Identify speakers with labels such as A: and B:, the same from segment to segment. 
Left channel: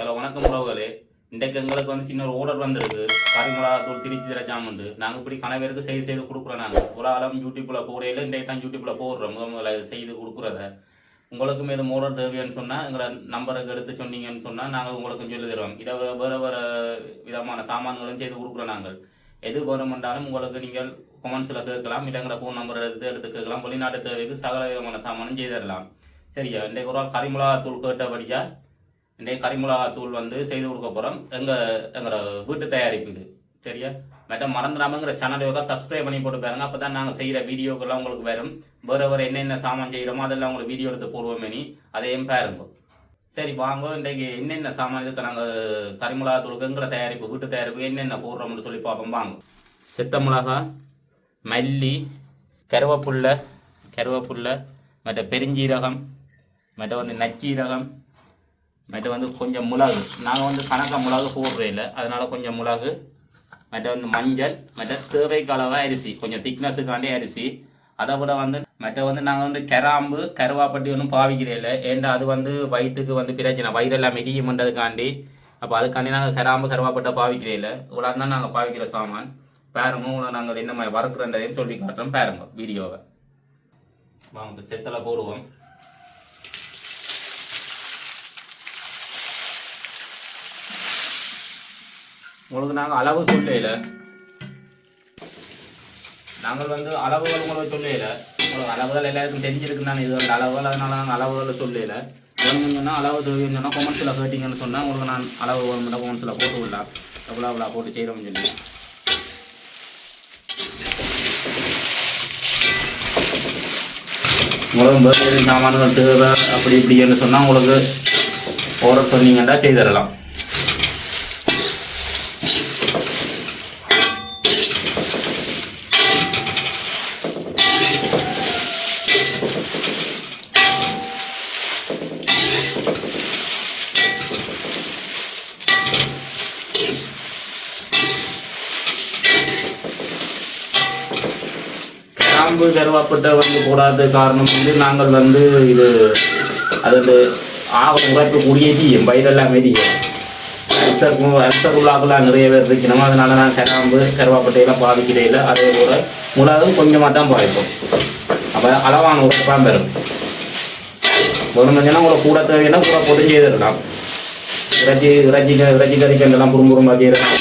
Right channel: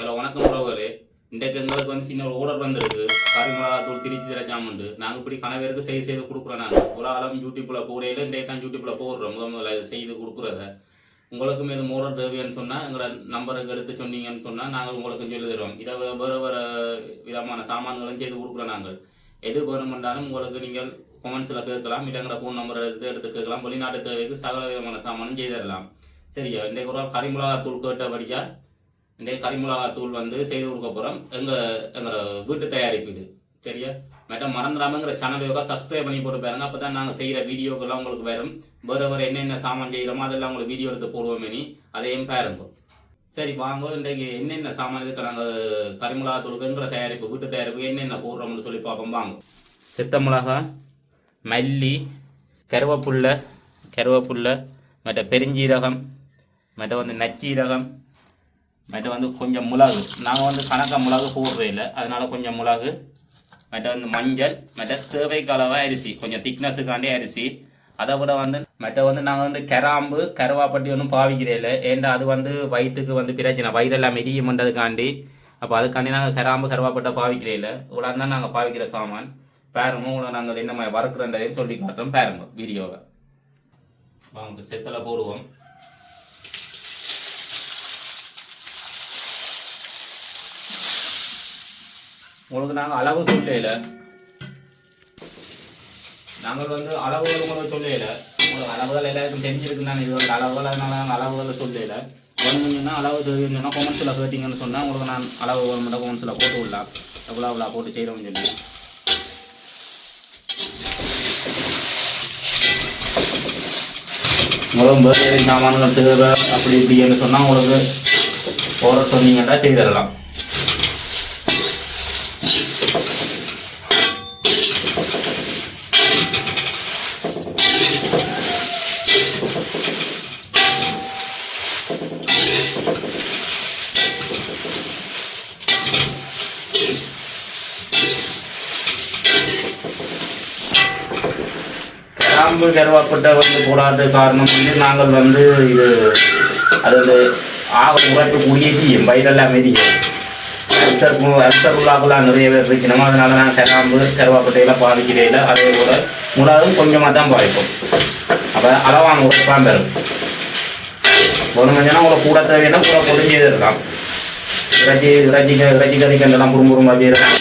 A: Hello வணக்கம் உறவுகளே. இன்றைக்கு எங்களுக்கு வந்து சின்ன ஆர்டர் வந்திருக்கு. கறி மிளகாத்தூள் திருச்சி தர ஜாமுண்டு நாங்கள் இப்படி கணவருக்கு செய்து செய்து கொடுக்குறோம் நாங்கள் ஒரு ஆளும் யூடியூப்பில் போடையில இன்றைக்கு தான் யூடியூப்பில் போடுறோம். முத முதல்ல செய்து கொடுக்குறத. உங்களுக்கும் இது ஆர்டர் தேவைன்னு சொன்னால் எங்களோட நம்பருக்கு எடுத்து சொன்னீங்கன்னு சொன்னால் நாங்கள் உங்களுக்கும் சொல்லி தருவோம். இதை வேறு வேறு விதமான சாமான்களும் செய்து கொடுக்குறோம் நாங்கள். எது வேணுமென்றாலும் உங்களுக்கு நீங்கள் கொமெண்ட்ஸில் கேட்கலாம். இடங்களை எங்களோட ஃபோன் நம்பர் எடுத்து எடுத்து கேட்கலாம். வெளிநாட்டு தேவைக்கு சகல விதமான சாமானும் செய்து தரலாம். சரியா? இன்றைக்கு ஒரு ஆள் கறி மிளகா தூள் இன்றைக்கு கறிமிளகா தூள் வந்து செய்து கொடுக்க போகிறோம் எங்கள் எங்களோட வீட்டு தயாரிப்பு இது. சரியா? மற்ற மறந்துடாமங்கிற சேனலுக்காக சப்ஸ்கிரைப் பண்ணி போட்டு பாருங்க. அப்போ தான் நாங்கள் செய்கிற வீடியோக்கெல்லாம் உங்களுக்கு வரும். வேறு வேறு என்னென்ன சாமான் செய்கிறோமோ அதெல்லாம் உங்களுக்கு வீடியோ எடுத்து போடுவோமே நீ அதையும் பாருங்க. சரி வாங்க. இன்றைக்கு என்னென்ன சாமான் இதுக்கு நாங்கள் கறிமிளகா தூளுக்குங்கிற தயாரிப்பு வீட்டு தயாரிப்பு என்னென்ன போடுறோம்னு சொல்லி பார்ப்போம். வாங்க. சித்த மிளகா மல்லி கருவேப்புல்லை கருவேப்புல்லை மற்ற பெருஞ்சீரகம் மற்ற வந்து நச்சீரகம் மற்ற வந்து கொஞ்சம் மிளகு. நாங்கள் வந்து கணக்காக மிளகு போடுறே இல்லை. அதனால் கொஞ்சம் மிளகு மற்ற வந்து மஞ்சள் மற்ற தேவைக்கு அளவாக அரிசி கொஞ்சம் திக்னஸுக்காண்டே அரிசி. அதை விட வந்து மற்ற வந்து நாங்கள் வந்து கிராம்பு கருவாப்பட்டி ஒன்றும் பாவிக்கிறே இல்லை. ஏன்னா அது வந்து வயிற்றுக்கு வந்து பிரச்சனை. வயிறெல்லாம் மெரியும்ன்றதுக்காண்டி அப்போ அதுக்காண்டி நாங்கள் கிராம்பு கருவாப்பட்டை பாவிக்கிறே இல்லை. இவ்வளோ தான் நாங்கள் பாவிக்கிற சாமான். பாருங்க இவ்வளோ நாங்கள் என்ன மாதிரி வறுக்கிறன்றதையும் சொல்லி காட்டுறோம் பாருங்க வீடியோவை. வாங்க செத்தலை போடுவோம். உங்களுக்கு நாங்கள் அளவு சொல்லல நாங்கள் வந்து அளவுகள் உங்களுக்கு சொல்லல உங்களுக்கு அளவுகள் எல்லாருக்கும் தெரிஞ்சிருக்கு நான் இது வந்து அளவுகள் அதனால நாங்கள் அளவுகளை சொல்லல வேணும்னு அளவு தேவைன்னு சொன்னால் கொமெண்ட்ஸில் கேட்டிங்கன்னு சொன்னால் உங்களுக்கு நான் அளவு மட்டும் கொமெண்ட்ஸில் போட்டு விடலாம். எவ்வளோ அவ்வளோ போட்டு செய்கிறோம்னு சொல்லி. உங்களுக்கு வேறு சாமான்கள் தேவை அப்படி இப்படின்னு சொன்னால் உங்களுக்கு ஓர சொன்னீங்கன்னா செய்து போய் கிராம்பு கருவாப்பட்டை வந்து போடாத காரணம் வந்து நாங்கள் வந்து இது அதில் வந்து ஆக குடியேற்றி என் பயிரெல்லாம் மெரியும் அல்சருக்கும் அல்சர் உள்ளாக்கெல்லாம் நிறைய பேர் இருக்கணும் அதனால நான் கிராம்பு கருவாப்பட்டையெல்லாம் பாதிக்கிறதில்ல அதே போல் முழாதும் கொஞ்சமாக தான் பாதிப்போம் அப்போ அளவான உரைப்பான் பெறும் ஒன்று கொஞ்சம்னா உங்களை கூட தேவைன்னா கூட பொதுஞ்சே இருக்கலாம். இறைச்சி இறைச்சி இறைச்சி கறிக்கெல்லாம் குடும்பம் வைக்கிறேன்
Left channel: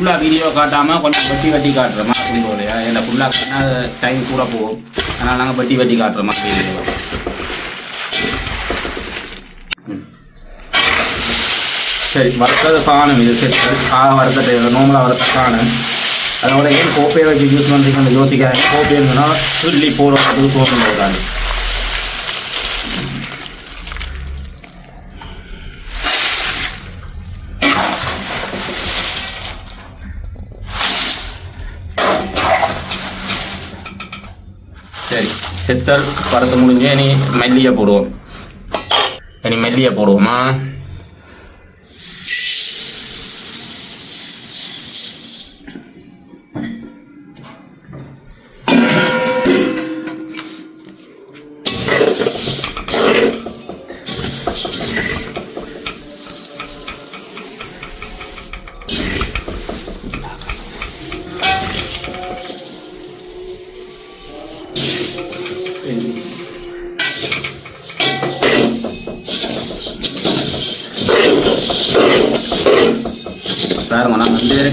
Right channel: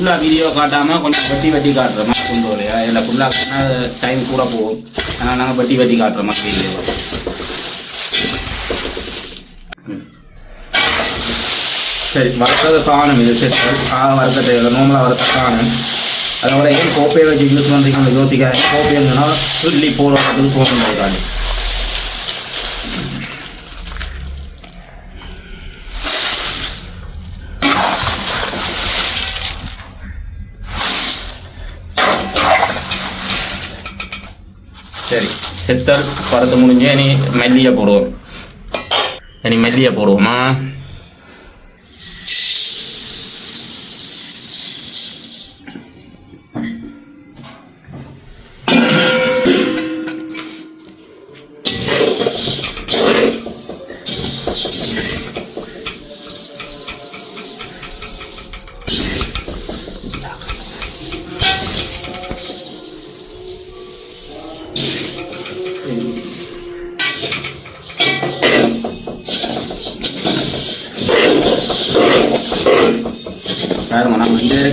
A: ஃபுல்லாக வீடியோ காட்டாமல் கொஞ்சம் வெட்டி வெட்டி காட்டுற மாதிரி கொண்டு வரையா இல்லை ஃபுல்லாக டைம் கூட போகும். அதனால் நாங்கள் வெட்டி வெட்டி காட்டுற மாதிரி வீடியோ சரி வறுத்தது காணும். இது சரி ஆக வறுத்த தேவை நோம்பலாக வறுத்த காணும். அதோட ஏன் கோப்பையை வச்சு யூஸ் பண்ணுறீங்கன்னு யோசிக்காங்க கோப்பை இருந்ததுன்னா சொல்லி போடுறதுக்கு தோணுங்க சரி செத்தல் படத்தை முடிஞ்சு இனி மெல்லியை போடுவோம். இனி மெல்லியை போடுவோமா?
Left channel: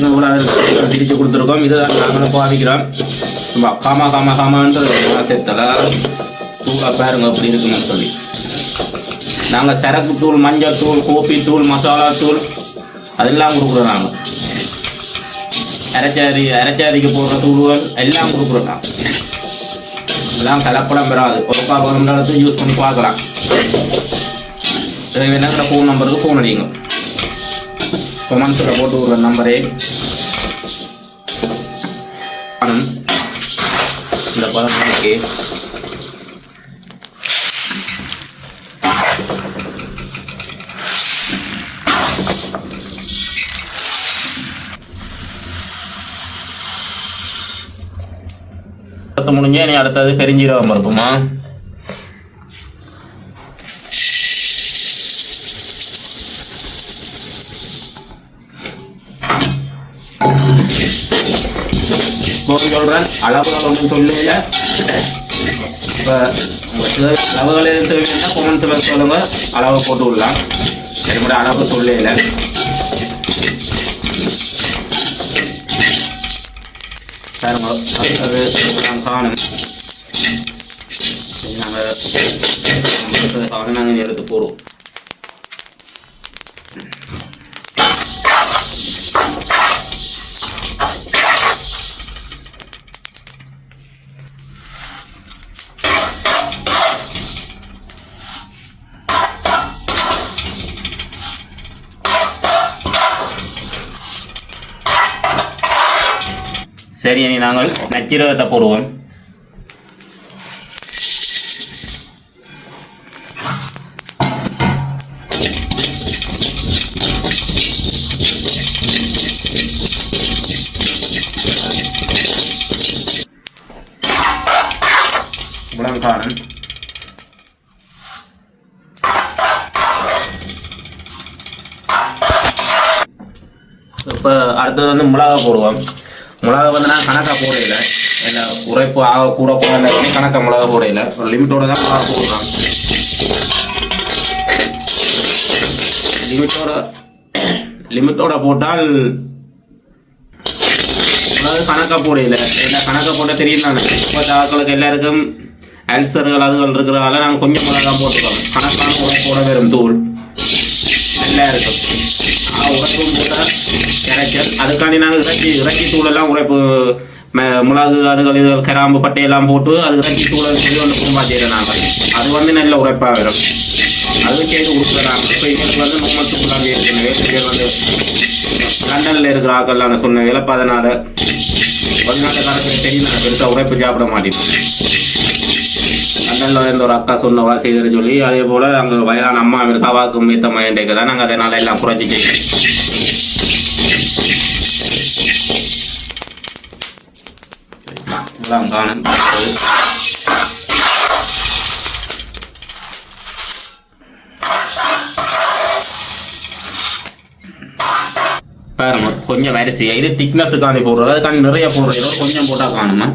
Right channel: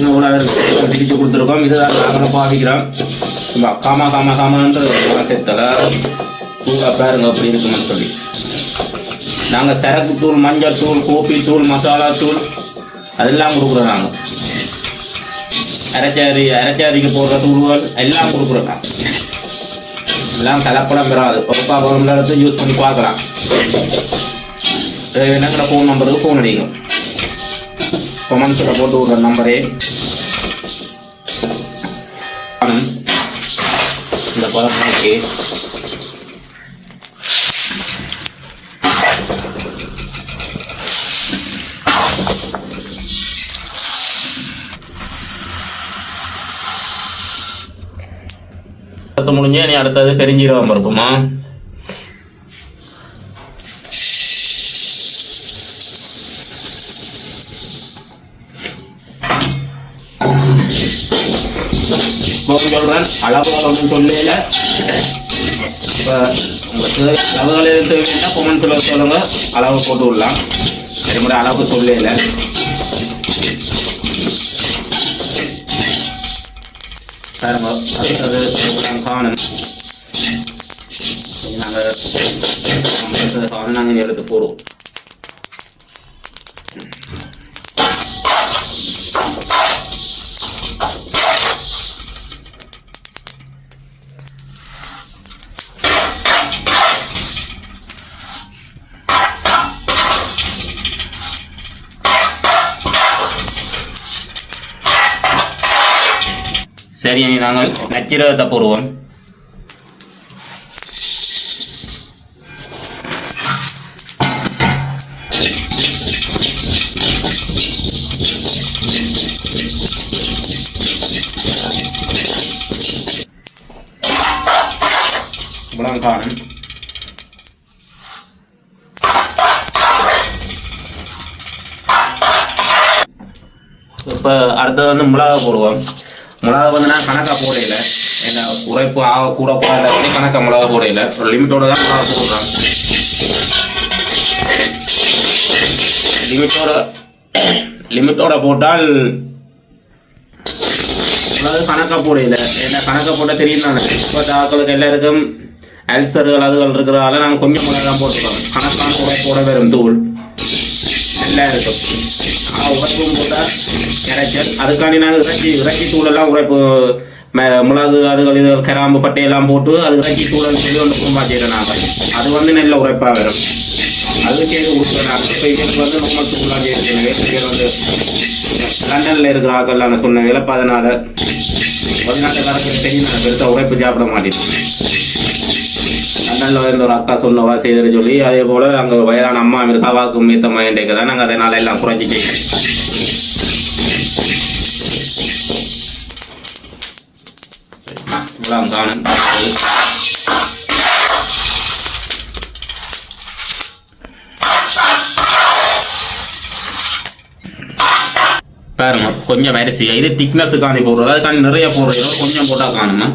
A: நாங்கள் இந்த வரைக்கும் கொடுத்துருக்கோம். இதுதான் நாங்களும் பாவிக்கிறோம். காமா காமா காமான்ற செத்தல தூளை பாருங்க அப்படி இருக்குன்னு சொல்லி. நாங்கள் சரக்கு தூள் மஞ்சள் தூள் கோப்பி தூள் மசாலா தூள் அதெல்லாம் கொடுக்குறோம் நாங்கள் அரைச்சாரி அரைச்சாரிக்கு போடுற தூள்கள் எல்லாம் கொடுக்குறோம் நாங்கள் எல்லாம் கலப்படம் பெறாது. ஒரு பாப்பம் எடுத்து யூஸ் பண்ணி பார்க்கலாம். வேணாங்கிற ஃபோன் நம்பருக்கு ஃபோன் அடிங்க. கொமெண்ட்ஸில் போட்டு விடுற நம்பரே இந்த படம் இருக்கு முடிஞ்சு நீ அடுத்தது பெருஞ்சீரகம் பருப்புமா? சொல்கிறேன் அளவுகள் ஒன்றும் சொல்லல இப்போ உங்களுக்கு அளவுகள் எதுவும் தேவைன்னா கொமெண்ட்ஸில் சொல்லுங்க அளவு போட்டு விடலாம் சரி முறை அளவு சொல்லல பாருங்க அது காணும் நாங்கள் காணும் நாங்கள் எடுத்து போடுவோம் சரி இனி நாங்கள் நச்சிரகத்தை போடுவோம். இவ்வளவு காணும் இப்போ அடுத்தது வந்து மிளகா போடுவோம். மிளகா வந்து நான் கணக்காக போடையில என்ன உரைப்பு ஆக கூட போட கணக்காக மிளகா போடையில ஒரு லிமிட்டோட தான் மிளகா போடுறான். லிமிட்டோட லிமிட்டோட போட்டால் அதாவது கணக்காக போடையில என்ன கணக்காக போட்டால் தெரியும் தானே. இப்போ ஆக்களுக்கு எல்லாருக்கும் அல்சர்கள் அதுகள் இருக்கிறதால நாங்கள் கொஞ்சம் மிளகா தான் போட்டுக்கிறோம். கணக்கான போட வரும் தூள் நல்லா இருக்கும் உரைக்கும் போது போட்டால் அதுக்காண்டி நாங்கள் இறைச்சி இறைச்சி தூளெல்லாம் உழைப்பு ம- மிளகு அதுகள் இது கிராம்பு பட்டையெல்லாம் போட்டு அது இறக்கி தூளன்னு சொல்லி ஒன்று கும்பா செய்கிறோம் நாங்கள் அது வந்து நல்ல உரைப்பாக வரும் அதுவும் சேர்த்து கொடுக்குறோம் நாங்கள் இப்போ எங்களுக்கு வந்து நம்ம சூழலாக செய்யணும் வேறு வந்து லண்டனில் இருக்கிற ஆக்கள் நான் சொன்ன விளப்பு அதனால வெளிநாட்டுக்காரங்களுக்கு தெரியும் நான் பெருசாக உரைப்பு சாப்பிட மாட்டேன் லண்டனில் இருந்த ஒரு அக்கா சொன்னவா செய்துன்னு சொல்லி அதே போல் அங்கே வயதான அம்மா இருக்கா வாக்கு மீத்த மையண்டேக்கு தான் நாங்கள் அதனால எல்லாம் குறைச்சி செய்யணும் எல்லாம் காணும் பாருங்க கொஞ்சம் அரிசி இது திக்னஸுக்காண்டி போடுறது. அதுக்காண்டி நிறைய போடுறது. கொஞ்சம் போட்டால் காணுமா?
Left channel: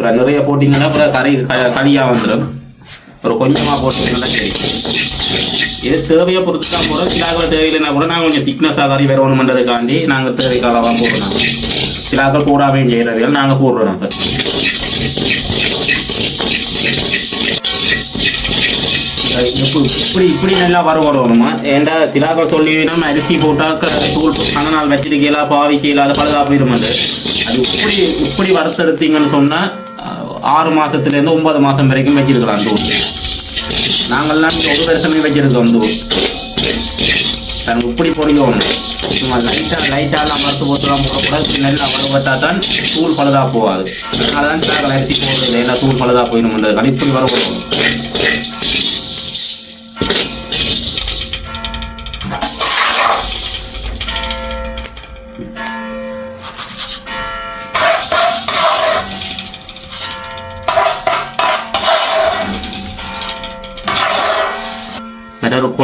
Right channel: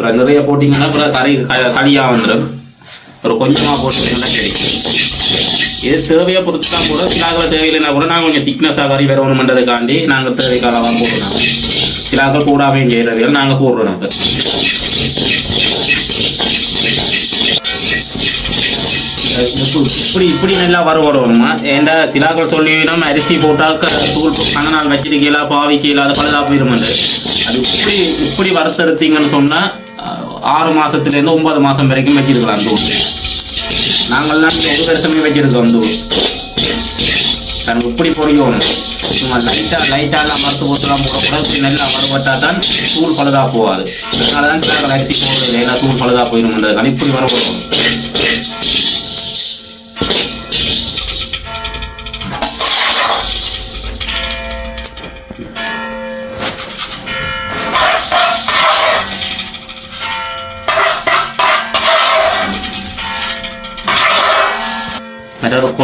A: அப்புறம் நிறைய போட்டிங்கன்னா அப்புறம் கறி களியாக வந்துடும் ஒரு கொஞ்சமாக போட்டிங்கன்னா சரி. இது தேவையை பொறுத்து தான் கூட சிலாக்கள் தேவையில்லைன்னா கூட நாங்கள் கொஞ்சம் திக்னஸாக கறி வரணுமென்றதுக்காண்டி நாங்கள் தேவைக்காக தான் போடுறோம். சிலாக்கள் கூடாமையும் செய்கிறவைகள் நாங்கள் போடுறோம் நம்ம. இப்படி இப்படி நல்லா வரவிடணுமா ஏண்டா சிலாக்கள் சொல்லி நம்ம அரிசி போட்டாக்க தூள் கண்ண நாள் வச்சிருக்கீங்களா பாவிக்கீங்களா அது பழுதாக போயிருமாண்டு. அது இப்படி இப்படி வறுத்தெடுத்தீங்கன்னு சொன்னால் ஆறு மாதத்துலேருந்து ஒன்பது மாசம் வரைக்கும் வச்சிருக்கலாம் தூள் நாங்கள்லாம் ஒரு வருஷமே வச்சிருக்கோம் தூள் தனக்கு இப்படி பொறிக்கணும் சும்மா லைட்டாக லைட்டாலாம் மறுத்து போட்டுலாம் போடக்கூடாது இப்படி நல்லா வரப்பட்டா தான் தூள் பழுதாக போகாது. அதனால தான் நாங்கள் அரிசி போடுறது எல்லாம் தூள் பழுதாக போயிடும்ன்றது இப்படி வரக்கூடாது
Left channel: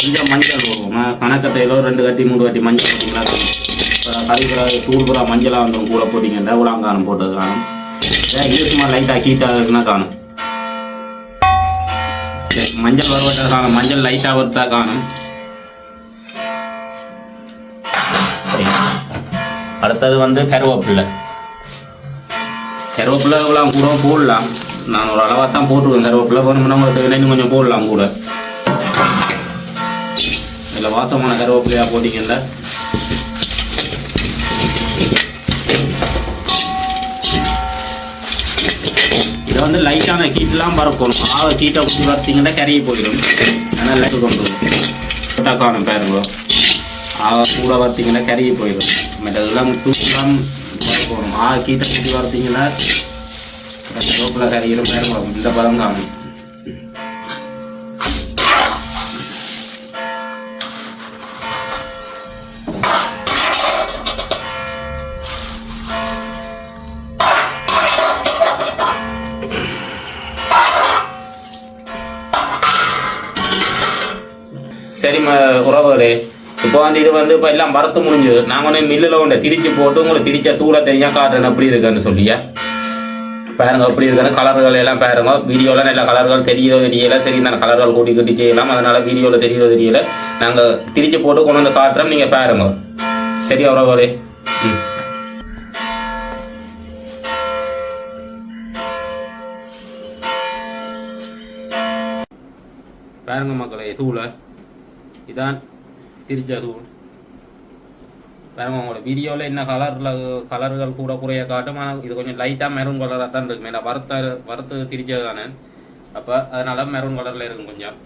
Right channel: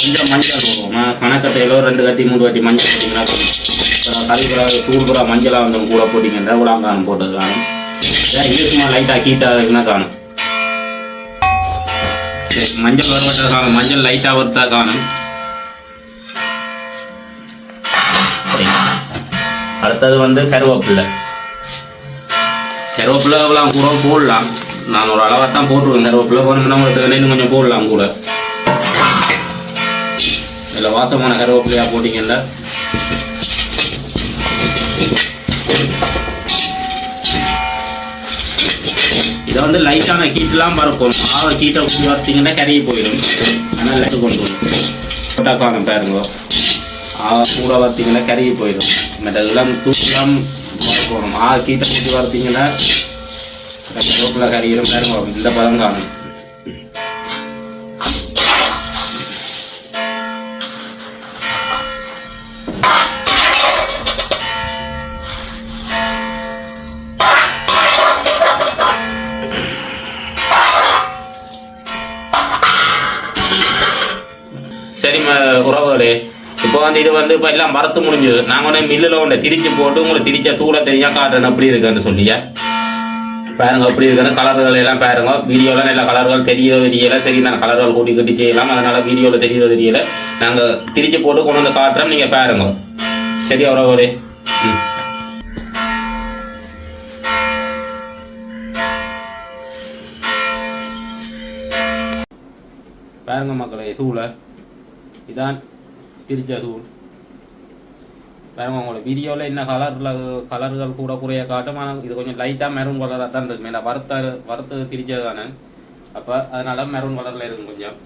A: கொஞ்சம் மஞ்சள் போடுவோம் கணக்கத்தையில ரெண்டு கட்டி மூணு கட்டி மஞ்சள் போட்டிங்கன்னா கறிப்புறா தூள் புறா மஞ்சளாக வந்து கூட போட்டிங்கன்னா உலாங்கானம் போட்டது காணும். இது சும்மா லைட்டாக ஹீட்டாக இருக்குன்னா காணும். சரி, மஞ்சள் வருவதா காணும். மஞ்சள் லைட்டாக வருதா காணும். அடுத்தது வந்து கருவேப்பில்லை கருவேப்பிலை கூட போடலாம். நான் ஒரு அளவாக தான் போட்டுருவேன் கருவேப்பிலை போனோம்னா நம்மளுக்கு இன்னும் கொஞ்சம் போடலாம் கூட. இதில் வாசமான கருவேப்பிலையாக போட்டிங்கல்ல? இதை வந்து லைட்டான கீட்டெலாம் பறக்கும் ஆக கீட்டை ஊற்றி பார்த்தீங்கன்னா கருகி போயிடும். ஆனால் லைட்டு கொண்டு வரும் போட்டால் காணும் பாருங்க ஆக கூட பார்த்தீங்கன்னா கருகி போயிடும். மற்றதெல்லாம் தூக்கலாம் பறக்கணும் ஆக கீட்டை ஊற்றி பார்த்தீங்கன்னா கருவேப்பிலை கறியிடும் பாருங்க இந்த பதம் காணும் அஹ், உறவுகளே இப்போ வந்து இது வந்து இப்போ எல்லாம் மரத்து முடிஞ்சது. நாங்கள் வந்து மில்லில் ஒன்று திரிச்சு போட்டு உங்களுக்கு திரிச்ச தூளை தெரியா காட்டுறேன். எப்படி இருக்குன்னு சொல்லியா? பாருங்க எப்படி இருக்குன்னு கலர்கள் எல்லாம் பாருங்க. வீடியோவில் நல்ல கலர்கள் தெரியோ தெரியல. தெரியும் தானே கலர்கள் கூட்டி கட்டி செய்யலாம். அதனால வீடியோவில் தெரியல தெரியல. நாங்கள் திரிச்சு போட்டு கொண்டு வந்து காட்டுறோம். நீங்கள் பாருங்க. சரியா உறவுகளே? ம். பாருங்க மக்களே தூளை. இதான் திரிச்ச தூள் பாருங்க உங்களோட வீடியோவில் என்ன கலரில் கலர்கள் கூட குறைய காட்டும். ஆனால் இது கொஞ்சம் லைட்டாக மெரூன் கலராக தான் இருக்கு. மேலே வறுத்த வறுத்து திரிச்சது தானே? அப்போ அதனால மெரூன் கலரில் இருக்கும் கொஞ்சம்.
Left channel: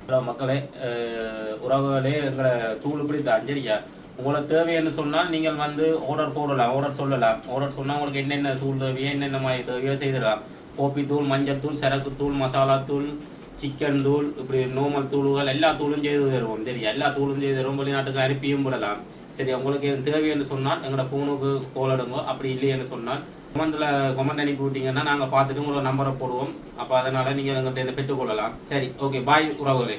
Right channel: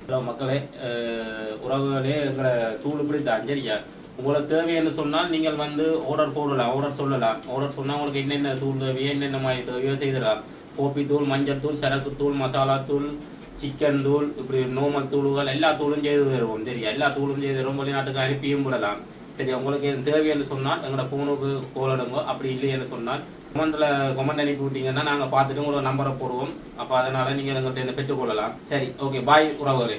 A: ஹலோ மக்களே அஹ், உறவுகளே எங்களை தூள் இப்படி தான் சரியா உங்களுக்கு தேவைன்னு சொன்னால் நீங்கள் வந்து ஆர்டர் போடலாம் ஆர்டர் சொல்லலாம். ஆர்டர் சொன்னால் உங்களுக்கு என்னென்ன தூள் தேவையோ என்னென்ன மாதிரி தேவையோ செய்திடலாம். கோப்பி தூள் மஞ்சள் தூள் சரக்கு தூள் மசாலா தூள் சிக்கன் தூள் இப்படி நோமல் தூள்கள் எல்லா தூளும் செய்து தருவோம். சரி எல்லா தூளும் செய்து தருவோம். வெளிநாட்டுக்கு அனுப்பியும் விடலாம். சரி உங்களுக்கு எதுவும் தேவை என்று சொன்னால் எங்களோட ஃபோனுக்கு கோல் அப்படி இல்லைன்னு சொன்னால் கமெண்ட்ல கமெண்ட் அனுப்பி விட்டீங்கன்னா நாங்கள் பார்த்துட்டு உங்களோட நம்பரை போடுவோம். அப்போ அதனால் நீங்கள் எங்கள்கிட்ட இதை பெற்றுக்கொள்ளலாம். சரி ஓகே பாய் உறவுகளே.